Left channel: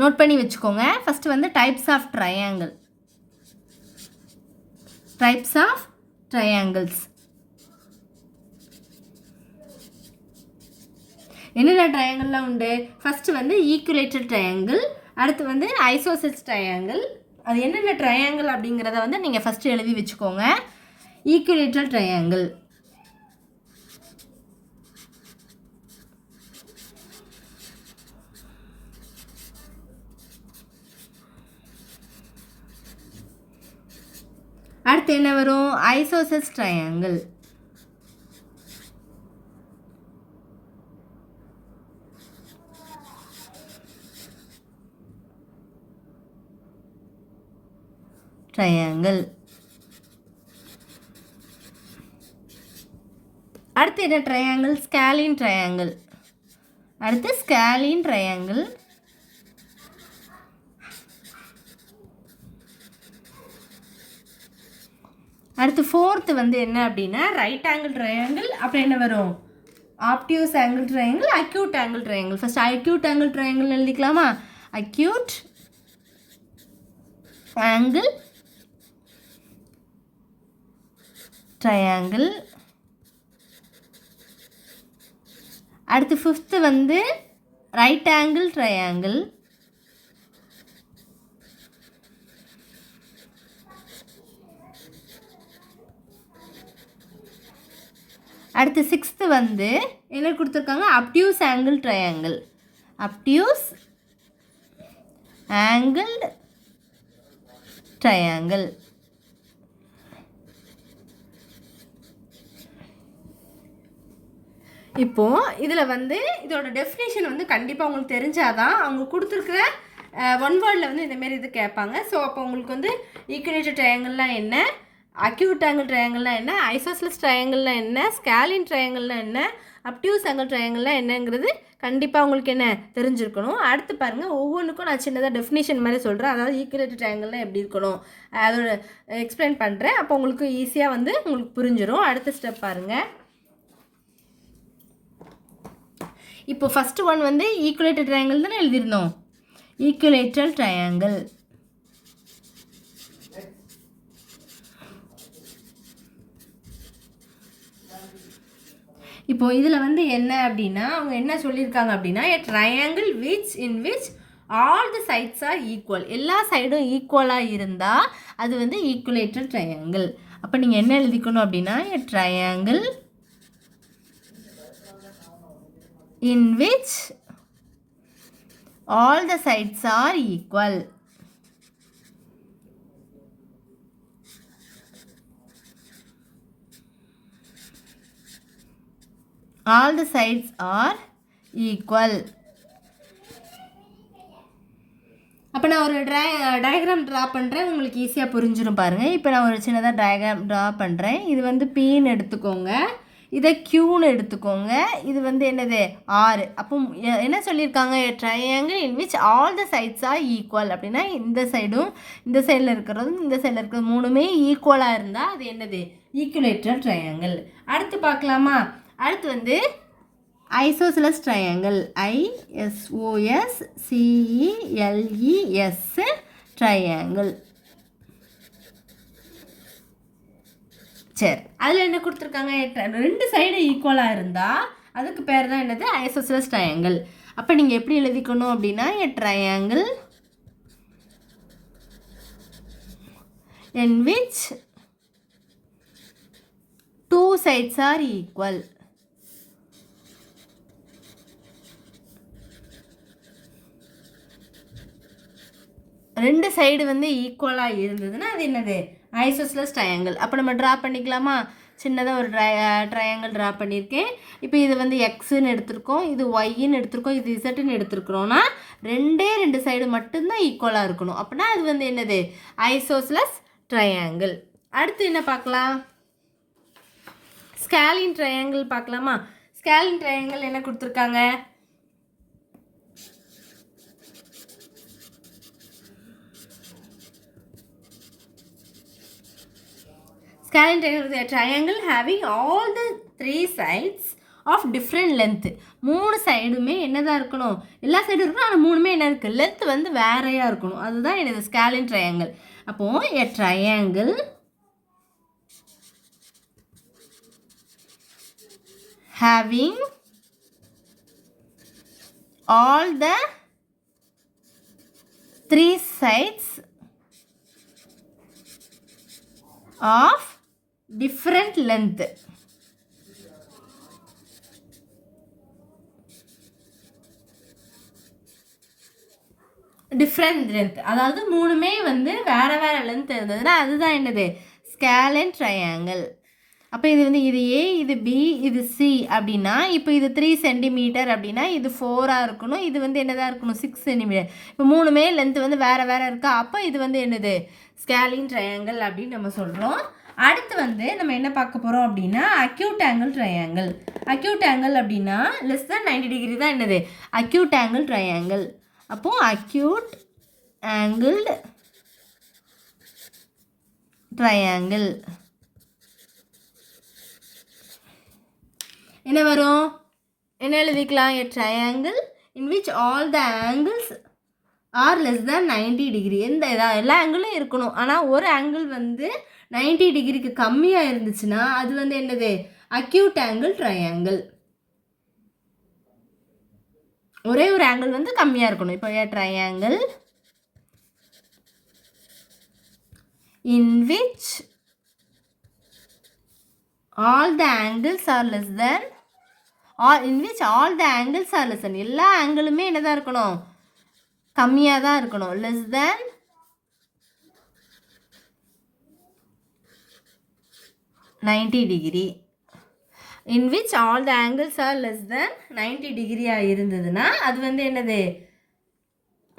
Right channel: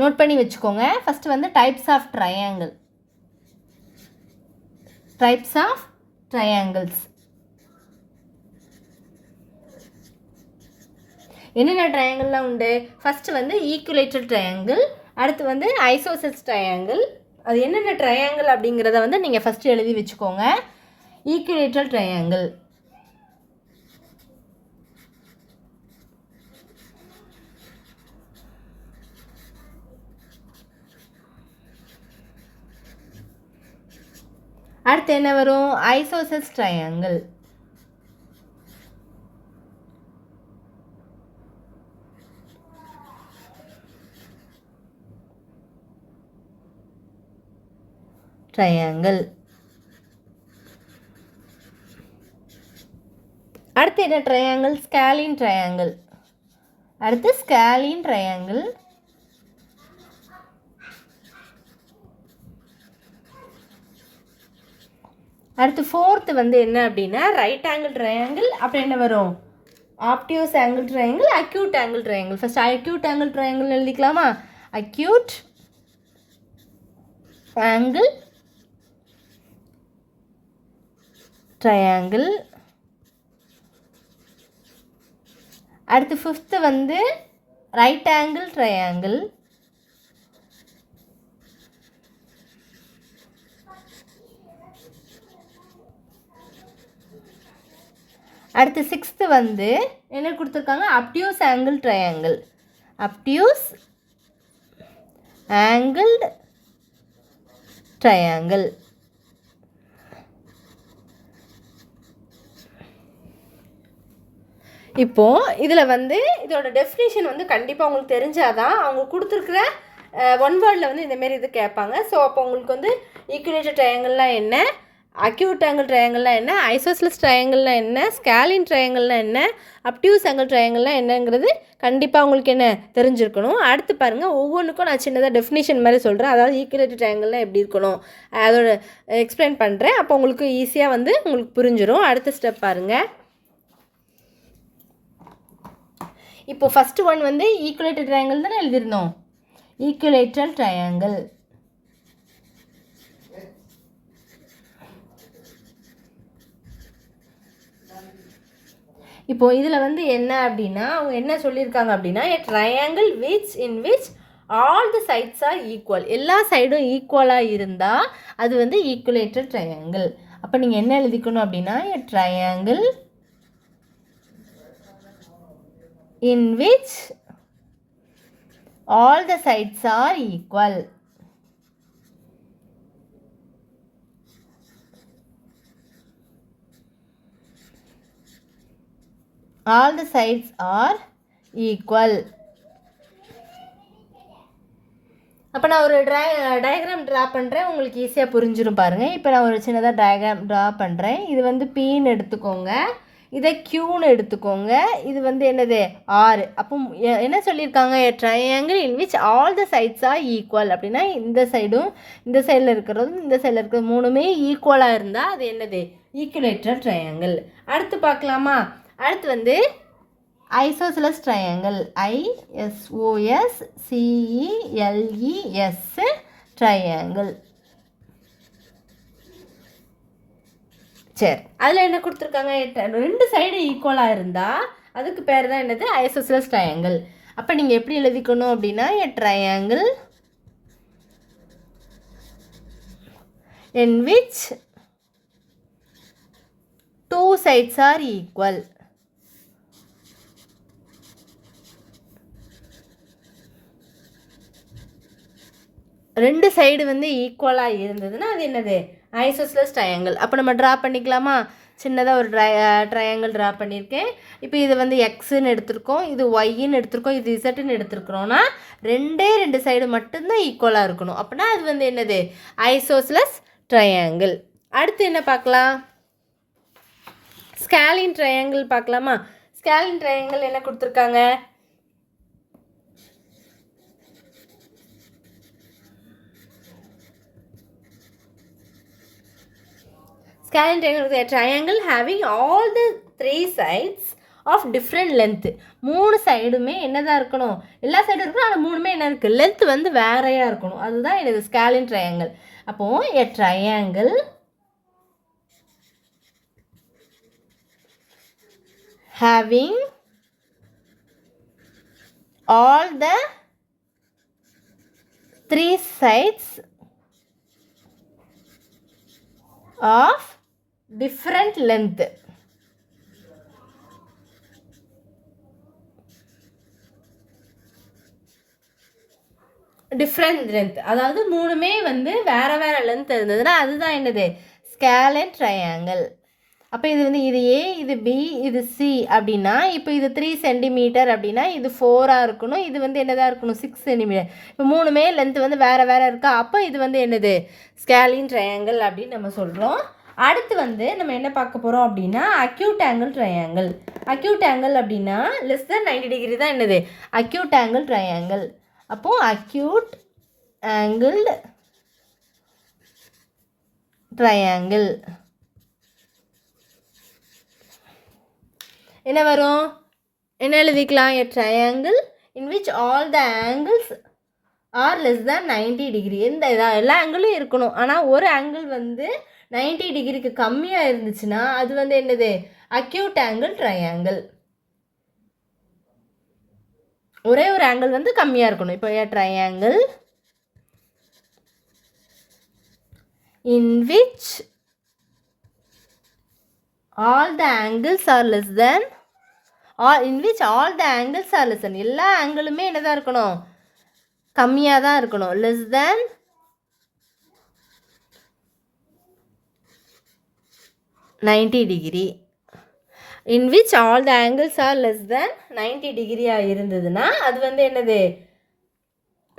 Note பண்ணி வச்சுக்கோங்க. First வந்து types of triangle. Types of triangles என்னென்ன ட்ரையாங்கிள்லாம் உண்டு? ஃபஸ்ட்டு வந்து ஈக்குவலேட்டட் ட்ரையாங்கிள், அடுத்து வந்து ஐசோசெல்ஸ் ட்ரையாங்கிள். அது என்னென்ன ட்ரையாங்கிள் அப்படிங்கிறத வந்து நீங்கள் ஃபஸ்ட்டு எழுதி வச்சுக்கோங்க. ஈக்குவலேட்டட் ட்ரையாங்கிள், அடுத்து என்ன வரும்? Isosceles triangle, triangle. அடுத்து என்ன ட்ரையாங்கிள்? ஸ்கேலின் ட்ரையாங்கிள். அடுத்து ஸ்கேலின் ட்ரையாங்கிள். அடுத்து ஃபோர்த்து வந்து என்ன அப்படின்னா ரைட் ஆங்கிள் ட்ரையாங்கிள். அப்புறம் என்ன வரும்? Obtuse angle triangle, acute angle triangle. First acute angle triangle எழுதிக்கலாமா? Acute angle triangle. அடுத்து ஃபிஃப்த்து வந்து ரைட் ஆங்கிள் ட்ரையாங்கிள். அடுத்து சிக்ஸ்த்து வந்து என்ன கொடுத்துருக்காங்க? Obtuse angle triangle. Obtuse angle triangle. இப்போது இதில் வந்து இதோட டெஃபினேஷன் வந்து கண்டிப்பாக உங்களுக்கு தெரிஞ்சாதான் அவங்க கொடுத்துருக்குற ஒன் வேர்டில் வந்து இந்தமாரி இது கேட்பாங்க. ஸோ அப்போ உங்களுக்கு வந்து ஈக்குவலேட்டட் ட்ரையாங்கிள்லாம் என்ன, அக்யூட் ஆங்கிள் ட்ரையாங்கிள்லாம் என்ன, ஐசோசெல்ஸ் ட்ரையாங்கிள்லாம் என்ன, ஸ்கேலின் ட்ரையாங்கிள்லாம் என்ன, அப்டியூஸ் ஆங்கிள் ட்ரையாங்கிள்லாம் என்னங்கிறது கண்டிப்பாக உங்களுக்கு என்ன தெரிஞ்சிருக்கணும். அடுத்து பாருங்கள், ஒவ்வொன்றுக்கும் நான் சின்னதாக டெஃபினேஷன் மாதிரி சொல்கிறேன். அதாவது ஈக்குவலேட்டட் ட்ரையாங்கிள்லாம் எப்படி இருக்கணும் அதோட எக்ஸ்பிளைன் பண்ணுறேன். அப்போ உங்களுக்கு ஈஸியாக வந்து உங்களுக்கு புரிஞ்சிடும். அடுத்த ஸ்டெப் பாருங்கள். இப்போ ஃபஸ்ட்டு ஒன் வந்து ஈக்குவலேட்டட் ட்ரையாங்கிள் தானே எழுதிருந்தோம். ஈக்குவலேட்டட் ட்ரையாங்கிள். இப்போது இதில் வந்து என்ன அப்படின்னா அவங்க என்ன சொல்லியிருக்காங்க அப்படின்னா a triangle in which all the sides are equal. எல்லா சைடும் ஈக்குவலாக இருந்தால் அது வந்து ஈக்குவலேட்டட் ட்ரையாங்கிள். அப்போ நீங்கள் என்ன எழுதிக்கணும் அப்படின்னா a triangle in which all the sides are equal. All the sides are equal. அப்போ நான் ஒரு டயக்ராம் ட்ரா பண்ணுறேன், உங்களுக்கு ஈஸியாக புரிஞ்சிடும் பாருங்கள். இப்போ நான் ஒரு சின்னதாக டயக்ராம் ட்ரா பண்ணுறேன். இது வந்து Pன்னு எடுத்துக்கோங்க, இதை Qன்னு எடுத்துக்கோங்க, இது வந்து என்னது R. அப்போ என்ன சொல்லியிருக்காங்க? Triangle in which all the sides are equal. அப்படின்னா இந்த சைடும் இந்த சைடில் இருக்கிறதும் இந்த சைடில் இருக்கிறது மூணுமே ஈக்குவலாக இருந்தால் அது என்னது? ஈக்குவலேட்டட் ட்ரையாங்கிள். அடுத்து பார்க்கலாமா? அடுத்து வந்து ஐசோசெலஸ் ட்ரையாங்கிள். ISOSCELES triangle. சரி, அதில் என்ன கொடுத்துருக்காங்க? ரெண்டு சைடு ஈக்குவலாக இருந்தால் அதுக்கு பேர் தான் என்னது? Isosceles triangle. அப்போ நீங்கள் எப்படி எழுதிக்கணும் அப்படின்னா triangle in which two sides are equal. ரெண்டு சைடு வந்து ஈக்குவலாக இருந்ததுன்னா அது என்னது? Isosceles triangle. அப்போ நம்ம ட்ரா பண்ணிக்கலாமா? சின்னதாக ஒரு ட்ரையாங்கிள் ட்ரா பண்ணியிருக்கேன். இப்போ இது வந்து எக்ஸுன்னு எடுத்திருக்கோம், இது ஒய்ன்னு எடுத்திருக்கோம், இது இசட்டுன்னு எடுத்துருக்குறோன்னா ரெண்டு சைடு மட்டும்தான் ஈக்குவலாக இருக்கணும். அப்படின்னா அது வந்து என்னது? Isosceles triangle. அடுத்து என்ன பார்க்கலாம்? ஸ்கேலின் ட்ரையாங்கிள் பார்க்கலாமா? ஸ்கேலின் ட்ரையாங்கிள் என்ன கொடுத்துருக்காங்க? Scalene triangle is a triangle having all the three sides of different length. மூணு சைடுமே என்னதான் இருக்கணும்? எல்லா சைடும் இருக்கணும், ஆனால் மூணுமே என்ன இருக்குது, லென்த் வந்து வேறையாக இருக்கணும். அதுதான் என்னது ஸ்கேலின் ட்ரையாங்கிள். அப்போது எ triangle having all the three sides of different length. Different length, அதாவது மூணுமே வந்து வேறு வேறு லென்த் இருந்ததுன்னா அதுதான் என்னது ஸ்கேலின் ட்ரையாங்கிள். அப்போ இது வந்து இது ஏ, இது பி, இது சி அப்படின்னா இப்போ இது 3 சென்டிமீட்டர் அப்படின்னா இது 4ஆக இருக்கணும், இது வந்து என்னதாக இருக்கணும் 6 சென்டிமீட்டர். இப்போ மூணுமே லென்த் வந்து வேறு வேறு இருக்கா, அப்போ இது வந்து என்னது ஸ்கேலின் ட்ரையாங்கிள் அப்படின்னு நம்ம சொல்கிறோம். அடுத்து வந்து நம்ம என்ன பார்க்க போகிறோம் அப்படின்னா acute angle triangle. Acute angle அப்படின்னா லெஸ் தென் 90 டிகிரி தான் என்னது அக்யூட் ஆங்கிள் ட்ரையாங்கிள். அப்போது அக்யூட் ஆங்கிள் ட்ரையாங்கிள் என்ன வரும், என்ன எழுதிக்கலாம், எ triangle in which all the angles R less than 90 degree. எந்த எல்லா ஆங்கிளும் இருக்கணும், ஆனால் ஒரு ஆங்கிள் வந்து 90 டிகிரிக்கு கம்மியாக இருந்துச்சுன்னா அது வந்து என்னது அக்யூட் ஆங்கிள் ட்ரையாங்கிள். ஒரே ஒரு ஆங்கிள் வந்து கம்மியாக இருக்கணும். இப்போ எ triangle in which all the angles are less than or in which all the angles are less than, எல்லா ஆங்கிளுமே என்னதான் இருக்கணும் கம்மியாக தான் இருக்கணும், less than 90 degree. in which all the angles are less than 90 டிகிரியாக இருந்ததுன்னா அது வந்து என்னது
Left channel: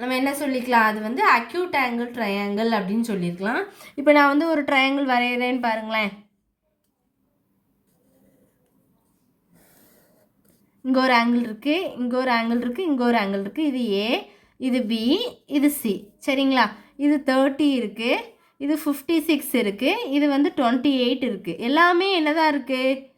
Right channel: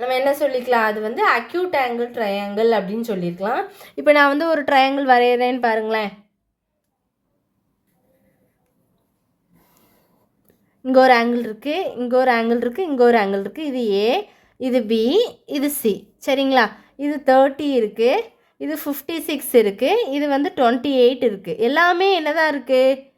நம்ம என்ன சொல்லிக்கலாம், அது வந்து அக்யூட் ஆங்கிள் ட்ரையாங்கிள் அப்படின்னு சொல்லியிருக்கலாம். இப்போ நான் வந்து ஒரு ட்ரையாங்கிள் வரைகிறேன்னு பாருங்களேன். இங்கே ஒரு ஆங்கிள் இருக்குது, இங்கே ஒரு ஆங்கிள் இருக்குது, இங்கே ஒரு ஆங்கிள் இருக்குது. இது ஏ, இது பி, இது சி, சரிங்களா. இது 30 இருக்குது, இது 56 இருக்குது, இது வந்து 28 இருக்குது. எல்லாமே என்னதான் இருக்குது,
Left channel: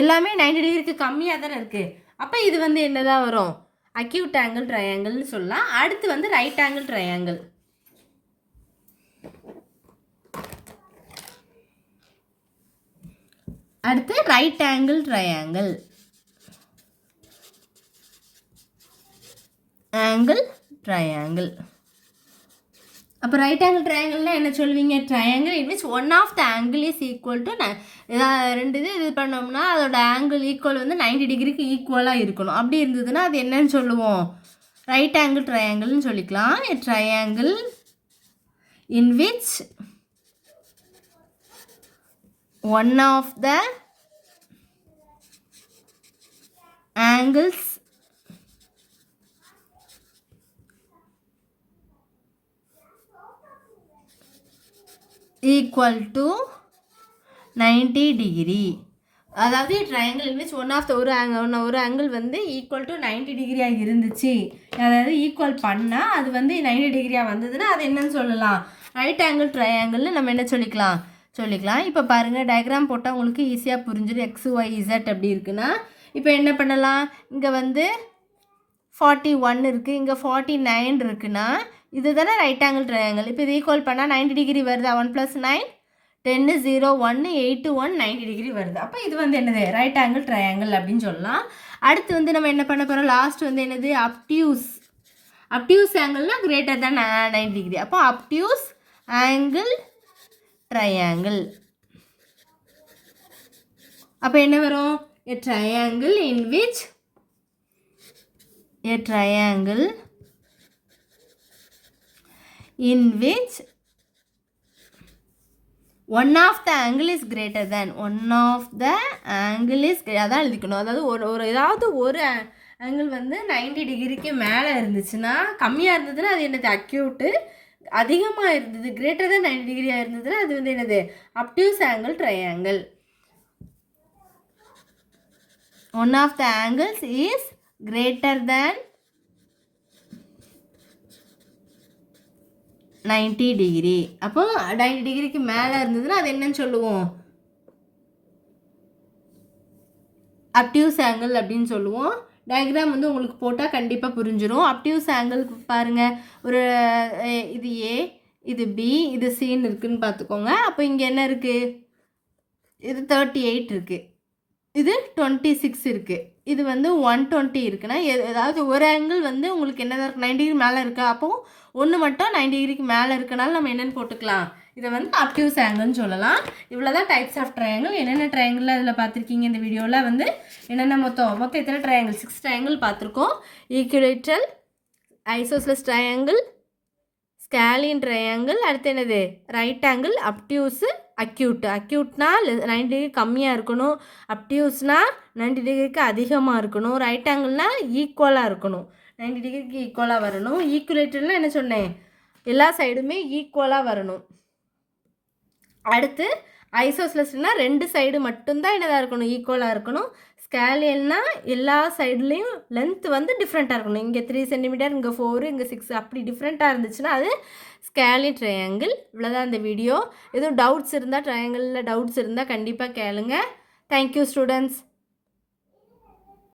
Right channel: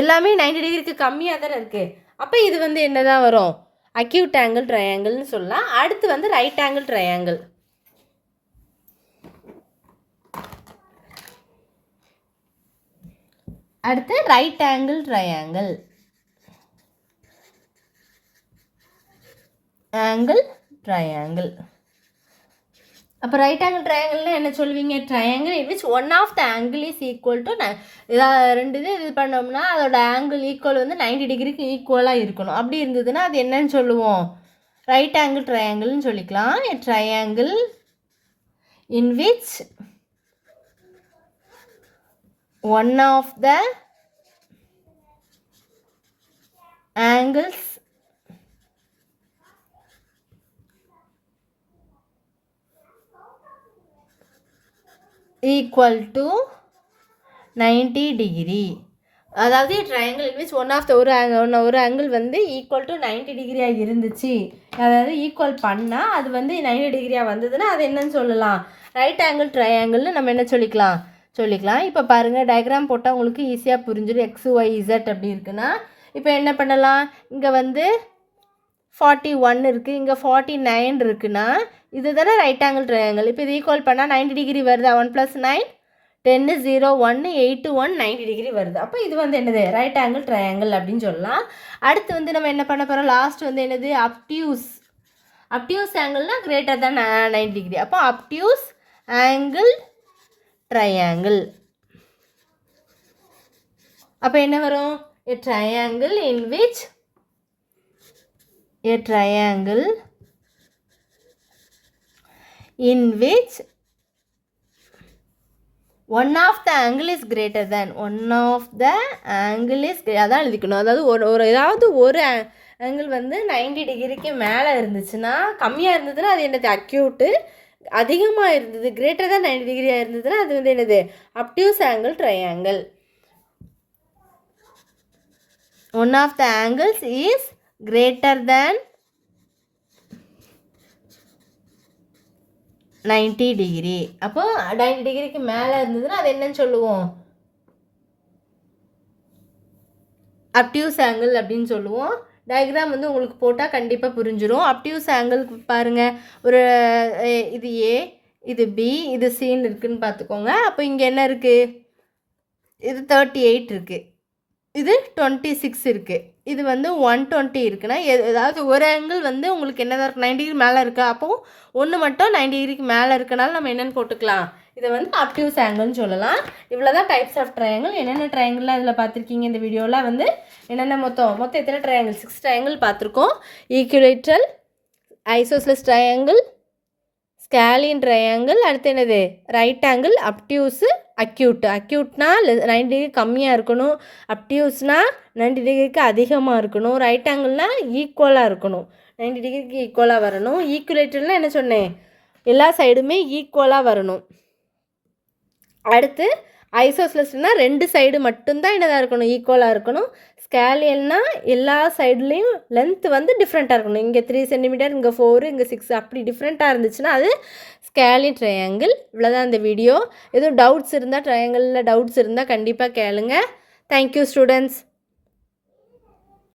எல்லாமே 90 டிகிரிக்கு கம்மியாக தானே இருக்குது. அப்போ இது வந்து என்னதான் வரும் அக்யூட் ஆங்கிள் ட்ரையாங்கிள்னு சொல்லலாம். அடுத்து வந்து ரைட் ஆங்கிள் ட்ரையாங்கிள். அடுத்து right angle triangle. Angle triangle. அப்போ ரைட் ஆங்கிள் ட்ரையாங்கிள்னா என்ன சொல்லுவீங்க, triangle in which one of the angle is equal to ஏதாவது ரெண்டு இது பண்ணோம்னா அதோட ஆங்கிள் ஈக்குவல் வந்து 90 டிகிரிக்கு ஈக்குவலாக இருக்கணும். அப்படி இருந்ததுன்னா அது என்னன்னு சொல்லுவோம் ரைட் ஆங்கிள் ட்ரையாங்கிள்னு சொல்லிக்கலாம். Triangle in which one of the angles equal to 90 degree. அதாவது triangle in which one of the ஒரு ஆங்கிள் வந்து ஈக்குவல் டு 90 டிகிரியாக இருந்துச்சு, அதாவது ஈக்குவல் பண்ணால் அது வந்து 90 டிகிரியாக வந்ததுன்னா அது என்னன்னு சொல்லலாம் ரைட் ஆங்கிள் ட்ரையாங்கிள்னு நம்ம என்ன சொல்லிக்கலாம். இப்போ பாருங்கள் டயக்ராம் போட்டால் உங்களுக்கு ஈஸியாக புரிஞ்சிடும். எக்ஸ் ஒய் இசட் அப்படி இருக்குன்னா இப்போ என்ன பண்ணலாம், இங்கே வந்து 41 இருக்குது, இங்கே 49 இருக்குன்னா இது தானே ரைட் ஆங்கிள் ட்ரையாங்கிள். இப்போ இது ஈக்குவல் பண்ணால் 90 டிகிரி வருதா, 1 + 9 10 0 1 8 1 90 டிகிரி வருது. அப்போ இது வந்து என்னது ரைட் ஆங்கிள் ட்ரையாங்கிள் அப்படின்னு சொல்லலாம். அடுத்து வந்து நம்ம என்ன பண்ண போகிறோம், லாஸ்ட் வந்து என்னது அப்டியூஸ் ஆங்கிள்னால் கிரேட்டர் தேன் 90 டிகிரி. அப்போ அப்டியூஸ் ஆங்கிள் ட்ரையாங்கிள். அப்போ என்ன வரும், a triangle in which one of the angle is greater than அதான் எழுதிக்கணும். அதாவது ஒரு ஆங்கிள் வந்து 90 டிகிரிக்கு மேலே இருந்துச்சுன்னா, கம்மியாக இருந்ததுன்னா அது என்னது அக்யூட்டு, அதிகமாக இருந்தது கிரேட்டர் தான் 90 டிகிரியாக இருந்ததுன்னா அது வந்து என்னது obtuse angle triangle. One of the angles is greater than 90 degree. அப்போ 90 டிகிரிக்கு மேலே இருந்ததுன்னா அது என்னன்னு சொல்லுவோம் அப்டியூஸ் ஆங்கிள் அப்படின்னு சொல்லுவோம். டயக்ராம் வந்து உங்களுக்கு போட்டால் கண்டிப்பாக புரிஞ்சிடும். அப்டியூஸ் ஆங்கிள் பாருங்கள், ஒரு இது ஏ, இது பி, இது சின்னு இருக்குதுன்னு பார்த்துக்கோங்க. அப்போ இங்கே என்ன இருக்குது? இது 38 இருக்குது, இது 26 இருக்குது, இது வந்து 120 இருக்குன்னா ஏதாவது ஒரு ஆங்கிள் வந்து உங்களுக்கு என்னதான் இருக்குது? 90 டிகிரி மேலே இருக்கா? அப்போது ஒன்று மட்டும் 90 டிகிரிக்கு மேலே இருக்கனால நம்ம என்னென்னு போட்டுக்கலாம்? இதை வந்து அப்டியூஸ் ஆங்கிள்னு சொல்லலாம். இவ்வளோ தான் டைப்ஸ் ஆஃப் ட்ரையாங்கிள். என்னென்ன ட்ரையாங்கிள்லாம் இதில் பார்த்துருக்கீங்க இந்த வீடியோவில் வந்து என்னென்ன மொத்தம் எத்தனை ட்ரையாங்கிள்? 6 ட்ரையாங்கிள் பார்த்துருக்கோம். Equilateral, isosceles triangle, scalene triangle, அடுத்து என்னது? Right angle, obtuse, acute. அக்யூட்னா 90 டிகிரி கம்மியாக இருக்கணும், அப்டியூஸ்னால் 90 டிகிரிக்கு அதிகமாக இருக்கணும், ரைட் ஆங்கிள்னால் ஈக்குவலாக இருக்கணும், 90 டிகிரிக்கு ஈக்குவலாக வரணும். ஈக்குவேட்டர்னால் என்ன சொன்னேன்? எல்லா சைடுமே ஈக்குவலாக வரணும். அடுத்து ஐசோஸ்லஸ்னால் 2 சைடு மட்டும்தான் என்னதாக இருக்கணும்? ஈக்குவலாக இருக்கணும். ஸ்கேலியல்னா எல்லா சைட்லேயும் லென்த் வந்து டிஃப்ரெண்ட்டாக இருக்கணும். இங்கே 3 சென்டிமீட்டர், இங்கே 4, இங்கே 6 அப்படி டிஃப்ரெண்ட்டாக இருந்துச்சுன்னா அது ஸ்கேலியன் ட்ரையாங்கிள். இவ்வளோதான் இந்த வீடியோ. எதுவும் டவுட்ஸ் இருந்தால், ட்ரையாங்கிளில் டவுட்ஸ் இருந்தால் கண்டிப்பாக கேளுங்க. Thank you students.